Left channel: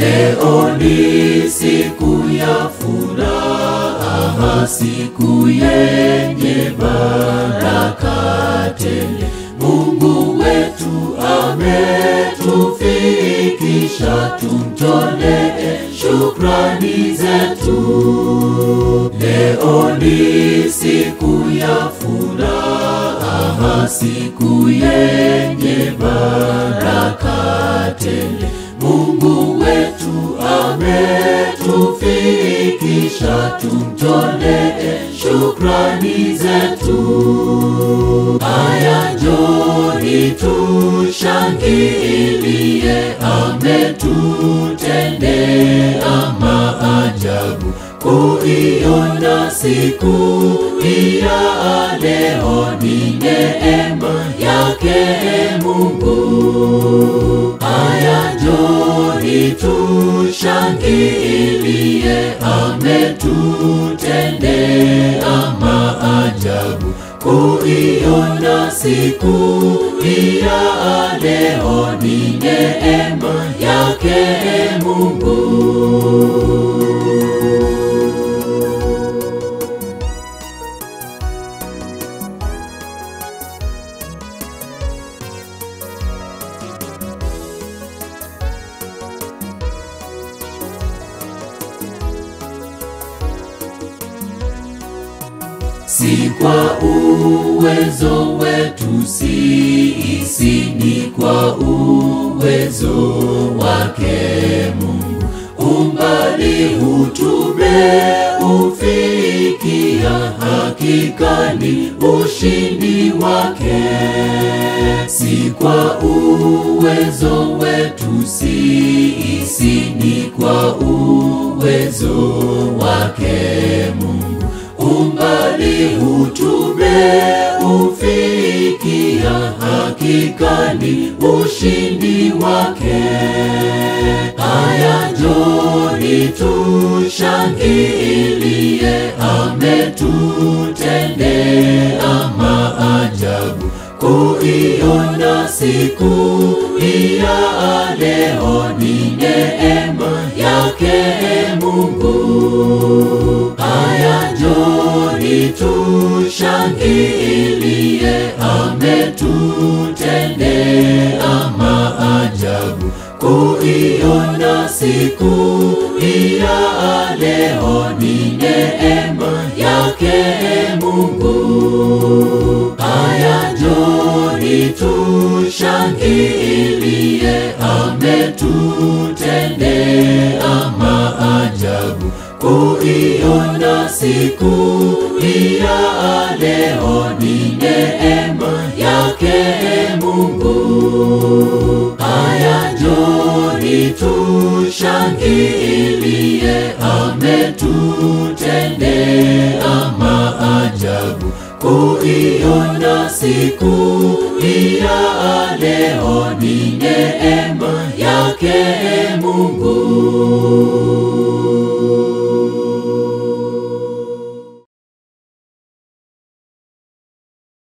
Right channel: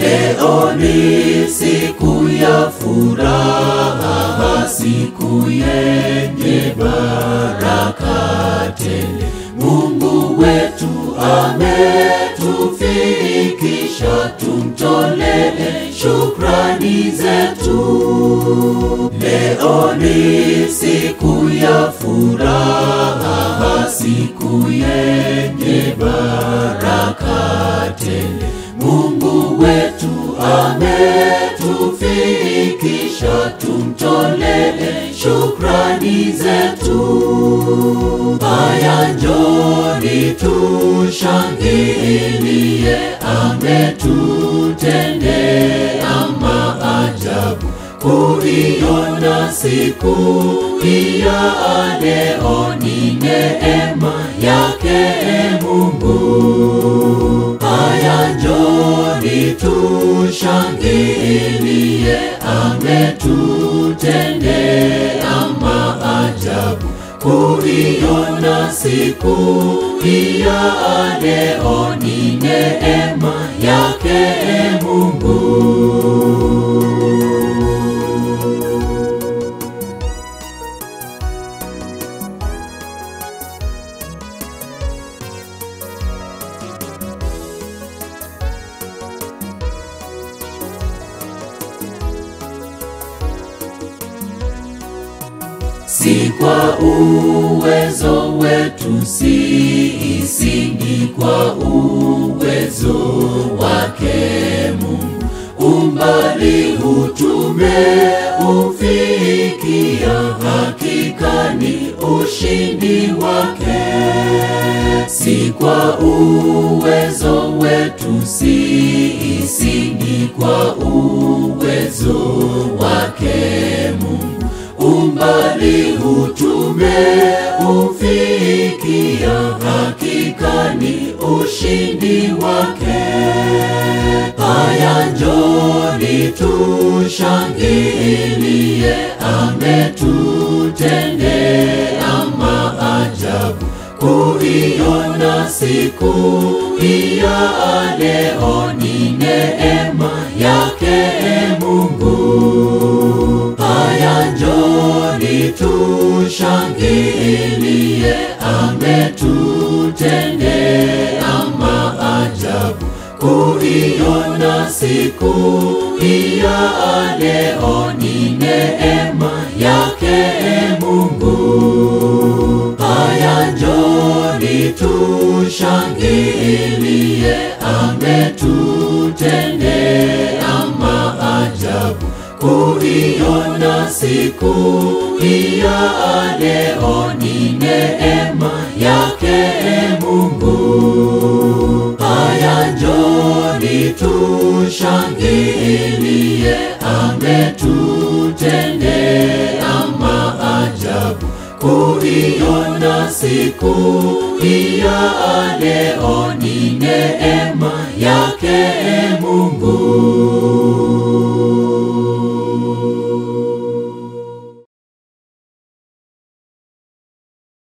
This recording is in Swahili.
Leo ni siku ya furaha, siku yenye baraka tele. Mungu wetu ametufikisha, tumtolee shukrani zetu. Leo ni siku ya furaha, siku yenye baraka tele. Mungu wetu ametufikisha, tumtolee shukrani zetu. Haya njoni tushangilie, ametutendea maajabu. Kuiona siku ya leo ni neema yake Mungu. Haya njoni tushangilie, ametutendea maajabu. Kuiona siku ya leo ni neema yake Mungu. Si kwa uwezo wetu sisi, ni kwa uwezo wake Mungu. Umbali huu tumeufikia, hakika ni ushindi wake. Si kwa uwezo wetu sisi, ni kwa uwezo wake Mungu. Umbali huu tumeufikia, hakika ni ushindi wake. Haya njoni tushangilie, ametutendea maajabu. Kuiona siku ya leo ni neema yake Mungu. Haya njoni tushangilie, ametutendea maajabu. Kuiona siku ya leo ni neema yake Mungu. Haya njoni tushangilie, ametutendea maajabu. Kuiona siku ya leo ni neema yake Mungu. Haya njoni tushangilie, ametutendea maajabu. Kuiona siku ya leo ni neema yake Mungu.